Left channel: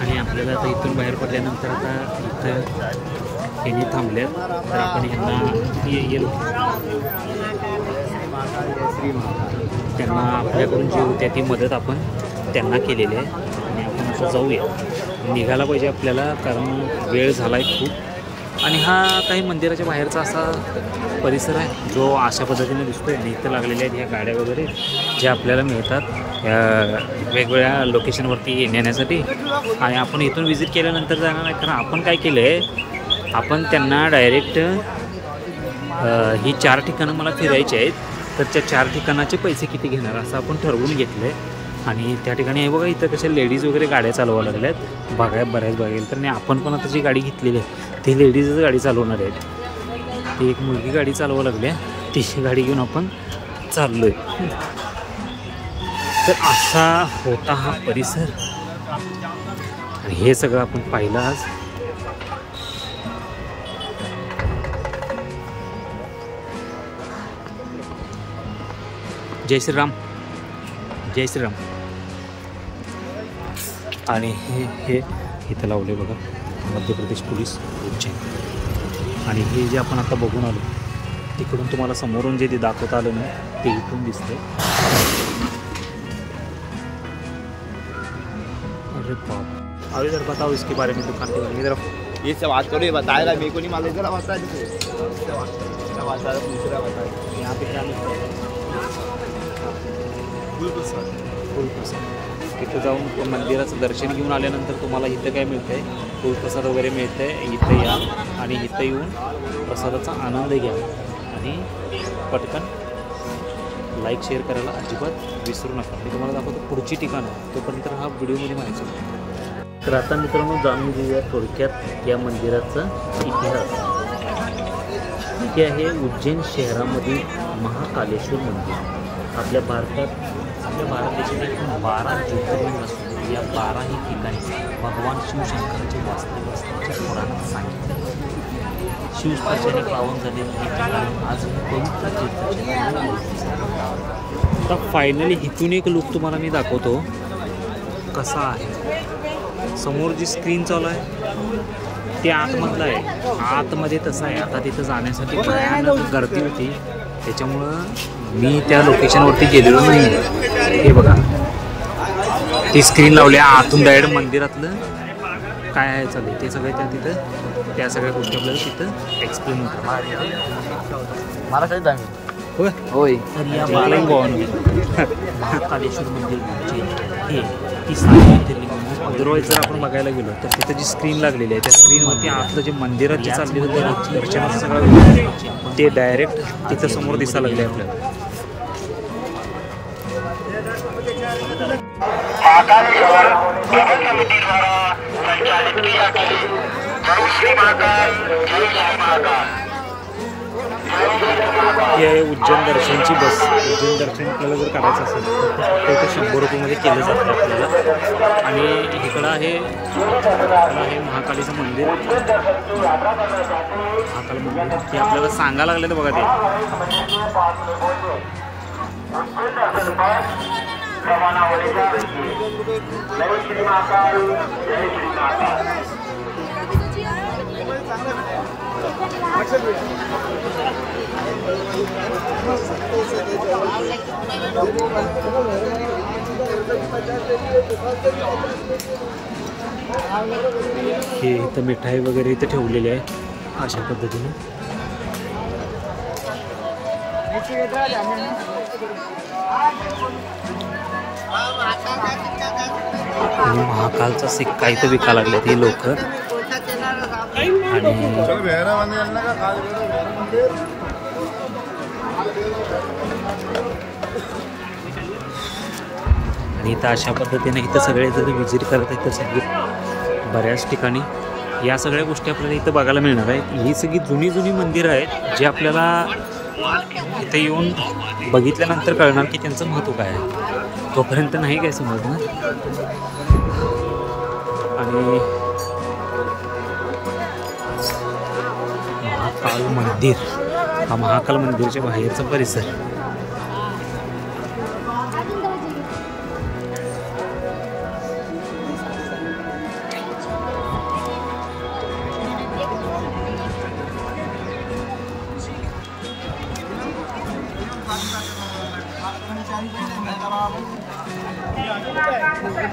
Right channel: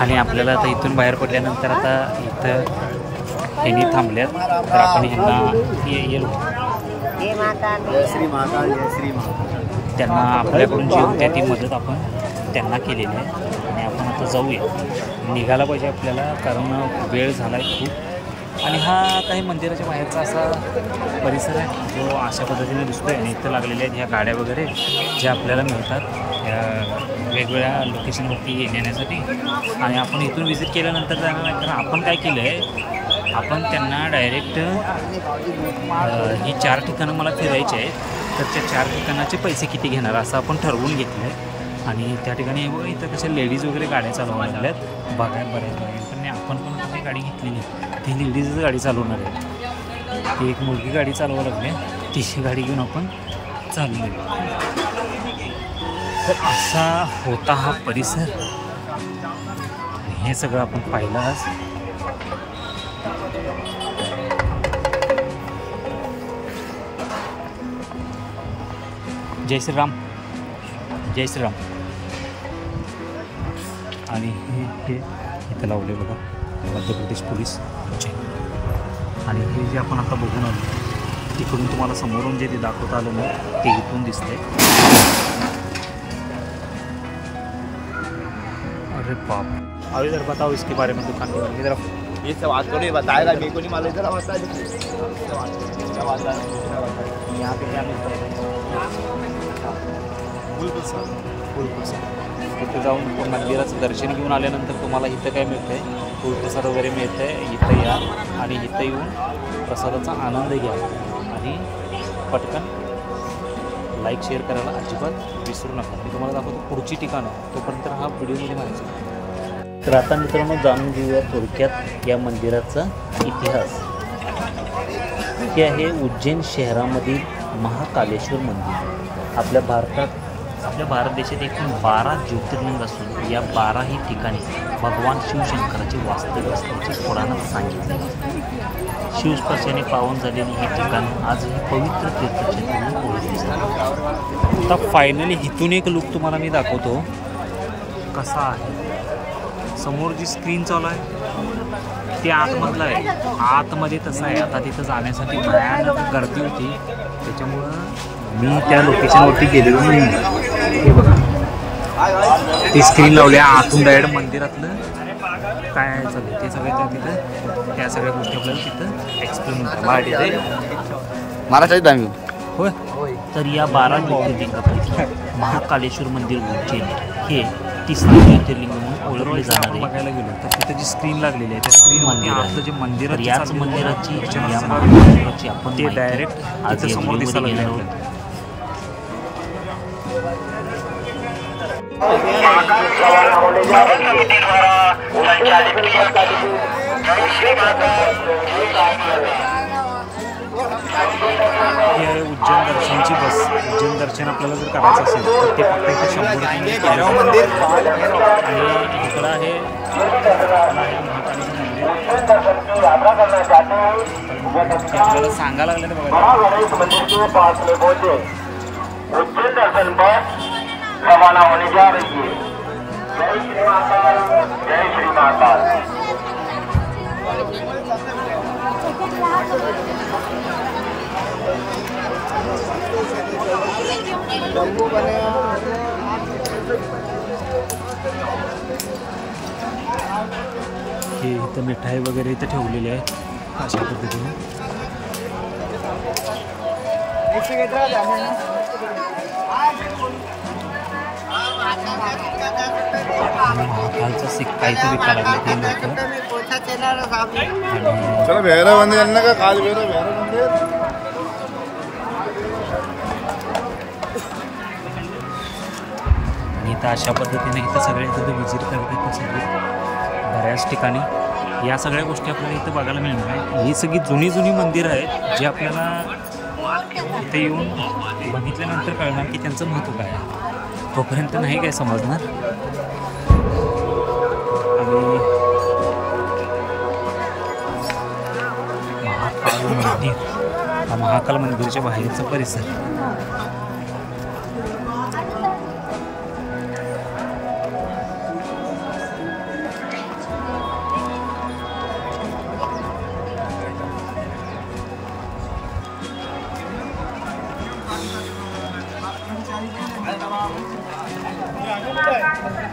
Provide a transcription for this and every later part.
आणि आपल्याला आता इथून बाहेर पडल्यानंतर आता इथं ह्यांनी थांबल्यात, तर आपण ह्यांना येलो त्यांना आपल्याकडून जी होती ती मदत आपण त्यांना केलेली आहे. आणि आपण आता जाऊया, निघायला पाहिजे आपल्याला, कारण वेळ झाला आहे खूप. आणि हा काही मंदिराच्या बाहेरचा असा परिसर आहे जो अशा पद्धतीने दिसतो आहे. आणि इथं लागलेल्या आहेत ह्या गाड्या वगैरे ज्या आपल्याला मिळतात वेगवेगळ्या लोकेशनवरती नेण्यासाठी. आणि आपण इथून विजिट केल्यानंतर जाणार नाही, कारण आपण काय केलं आहे, आपण त्यांना डायरेक्ट ही 4 ठिकाणं मला फिरायची आहेत, तर त्या 4 ठिकाणाचे पैसे किती घेणार असं आपण ठरवून घेतलं आहे. आणि त्या ठिकाणी हे बघा, इथं कशा लेडीज वगैरे गाड्या चालवायला लागल्यात बऱ्याच बघायला. तर आपण पण आता जी गाडी घेतलेली आहे ती लेडीजच गाडी चालवणार आहेत. ती एक मुलगी गाडी चालवायला लागली आहे, तिची गाडी घेऊन आपण चाललो आहे. तर असा होता हा परिसर. हे सगळं आपण पाहिलं आज. जय श्रीराम, जय श्रीराम. आणि हे इथं लावले बघा, मध्य प्रदेश पोलीस उज्जैन. आणि हे जे आपण आता बघून आलो तिकडून तुम्हाला समोरून जे दाखवता आलं नाही ते इथून दिसतंय. अरे बाप, अभी इधर बताओ इसके बारे में, दुकान के बारे में. इधर ये सब बात करो, बताया मेरे को नहीं मालूम. इधर बता यहाँ पे क्या मिलता है? फुलप्रसाद. फुलप्रसाद. इथं जाऊन मंदिराचं दर्शन घेऊन आल्यानंतर तुम्हाला इथं काय मिळतं आहे, फुलप्रसाद वगैरे मिळतं आहे. इथं या आणि इथं येऊन प्रसादाचा आनंद घ्या. आणि पटकन लाईक शेअर करायला अजिबात विसरू नका. मी तुम्हाला दाखवतो पुढची ठिकाणं, तोपर्यंत हा व्हिडिओमध्ये माहिती. तर आता मित्रांनो जाणून घेऊया थोडक्यात या मंदिराचा इतिहास. हे आहे उज्जैन शहरामधील महाकालेश्वर मंदिर. आपल्या भारत देशात एकूण 12 ज्योतिर्लिंग असून या 12ही ठिकाणी भगवान शिवशंकराचे वास्तव्य असल्याचे पुराणात सांगितले. शिवस्पर्शाने पावन झालेली ही ठिकाणे आज पवित्र तीर्थक्षेत्र म्हणून ओळखली जातात. आता फायनली इथून एक लुक तुम्हाला मी दाखवतो कसा आहे. समोर जी स्क्रीन चालू आहे ते आतमधलं आहे. आतमध्ये तसं आहे. आता तिथं जाण्यासाठी भयानक गर्दी होती, त्याच्यामुळं मी त्या लोकेशनवरती गेलेलो नाही. हे बघा, ती स्क्रीन लावली आतून डायरेक्ट मंदिरातलं काय आहे चालू ते सगळं तिथं, त्या सगळ्या गोष्टी आपल्याला तिथं एक्सप्लेन होतात. महाराष्ट्रात आम्ही होय होय. तर या 12 गावांनी महाकालेश्वर मंदिर उज्जैन हे 30 ज्योतिर्लिंग म्हणून. अदरवाईज जर आपण बघायला गेलो तर तिथं जी स्क्रीन लागलेली आहे त्या स्क्रीनवरती आपलं जे मंदिराची चाललेलं दर्शनाचं सगळं ते डायरेक्ट तिथं समोर दिसायला लागले आपल्याला. ही आहे उज्जैन दर्शनची बस. उज्जैन दर्शन आपल्याला जर करायचं असेल तर ते फक्त इथे 100 रुपयामध्ये केलं जातं आपल्याला. आणि इकडं आहे महाकालीचं मंदिर. महाकाल मंदिर हे आपल्याला सांगायला लागलं तर बघा ते. हे इथं मिठाई वगैरे इथं ठेवलेली आहे अशा पद्धतीने. महाकालचा सिक्का इथं विकायला लागले हे लोक. आणि इथं अशा पद्धतीने इथं सगळे जरी व्हिजिट करत आहेत तर सगळे बऱ्याच ठिकाणी या सगळ्या गोष्टी आपल्याला इथं बघायला मिळणार आहे. ही सगळी जुनी मंदिरं आहेत जे आपल्याला इथे येऊन बघितल्यानंतर कळणार की त्यांचं महत्त्व काय आहे. तोपर्यंत नाही काय समजणार. आणि महाकाल मंदिर, हा महाकाल मंदिरच्या बाहेरचा परिसर. बघा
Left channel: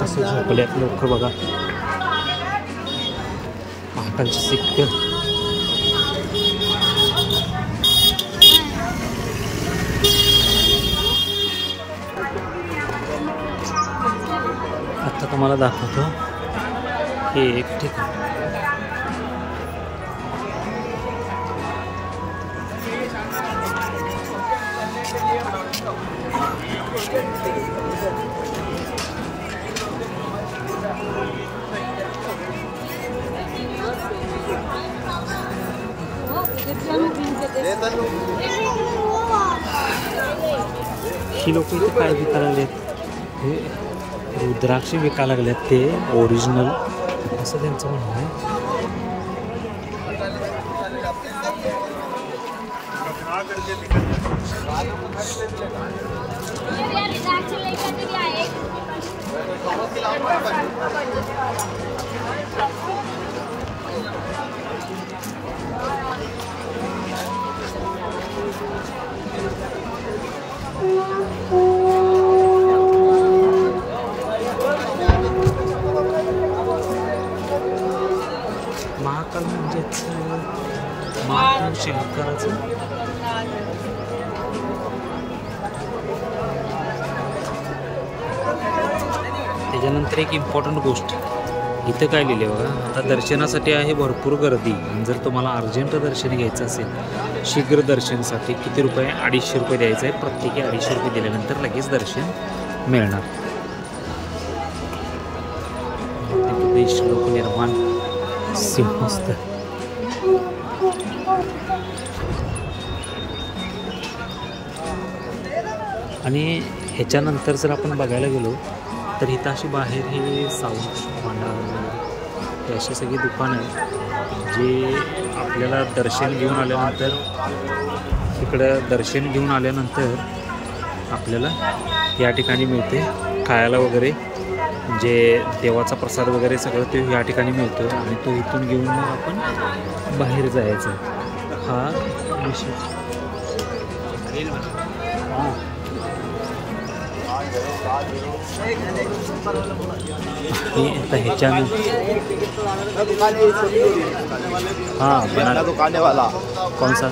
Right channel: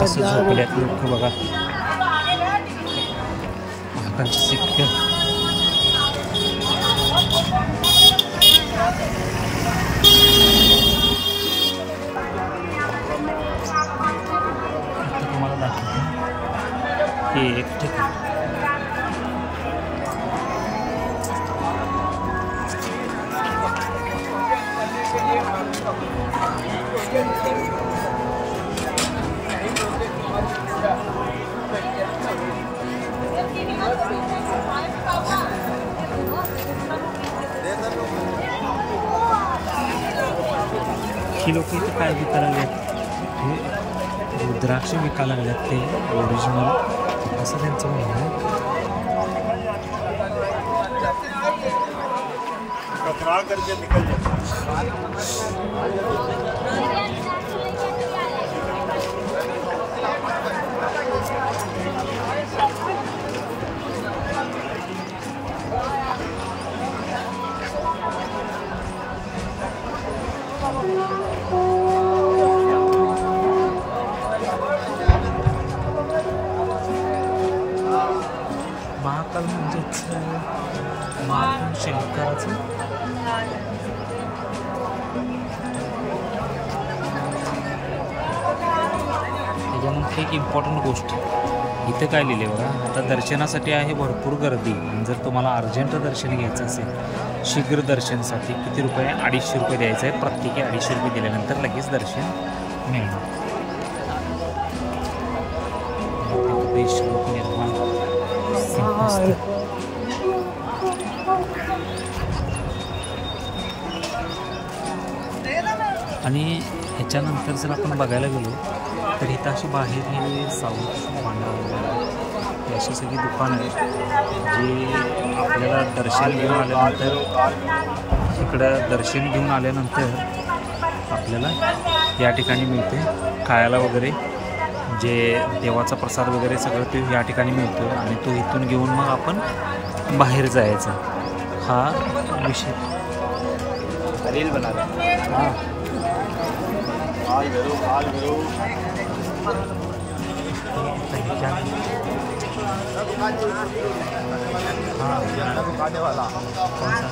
कसं झोपल्यात लोक बघा. महाकालची सिक्क आता तुम्हाला दाखवतो हे एक ठिकाण. ही लोक इथे काय विकायला लागलेत, हे रुद्राक्ष विकायला लागल्यात ते ओरिजिनल असं त्यांचं म्हणणं आहे. महाकाल म्हणजेच महादेव शंकराचं त्याच्यानंतर एक इम्पॉर्टंट गोष्ट इथं काय लिहिले बघा. आता दर्शनासाठी आहे भरपूर गर्दी आणि जर तुम्हाला अर्जंट दर्शन घ्यायचं असेल शीघ्र दर्शनासाठी किती रुपये, 250 रुपये द्यायचं आहे. प्रत्येकी 250 रुपये दिल्यानंतर लगेच दर्शन मिळणार. लोक निर्माण आणि ह्याच्यानंतर जर आपण बघायला गेलो तर इथं अशी बाहेर हे साऊंड भांडार वगैरे हे अशी सगळी दुकानं आहेत जे आपल्याला दर्शन घेऊन आल्यानंतर इकडं दर्शन घेऊन आल्यानंतर आपल्याला या ठिकाणी मिळते खायला वगैरे. जे देवाचा प्रसाद वगैरे सगळं ते या ठिकाणी मिळतो आणि तो इथून घेऊन मग आपण बाहेर जायचा. हा विषय हां आता ह्याच्या हां बना कौन सा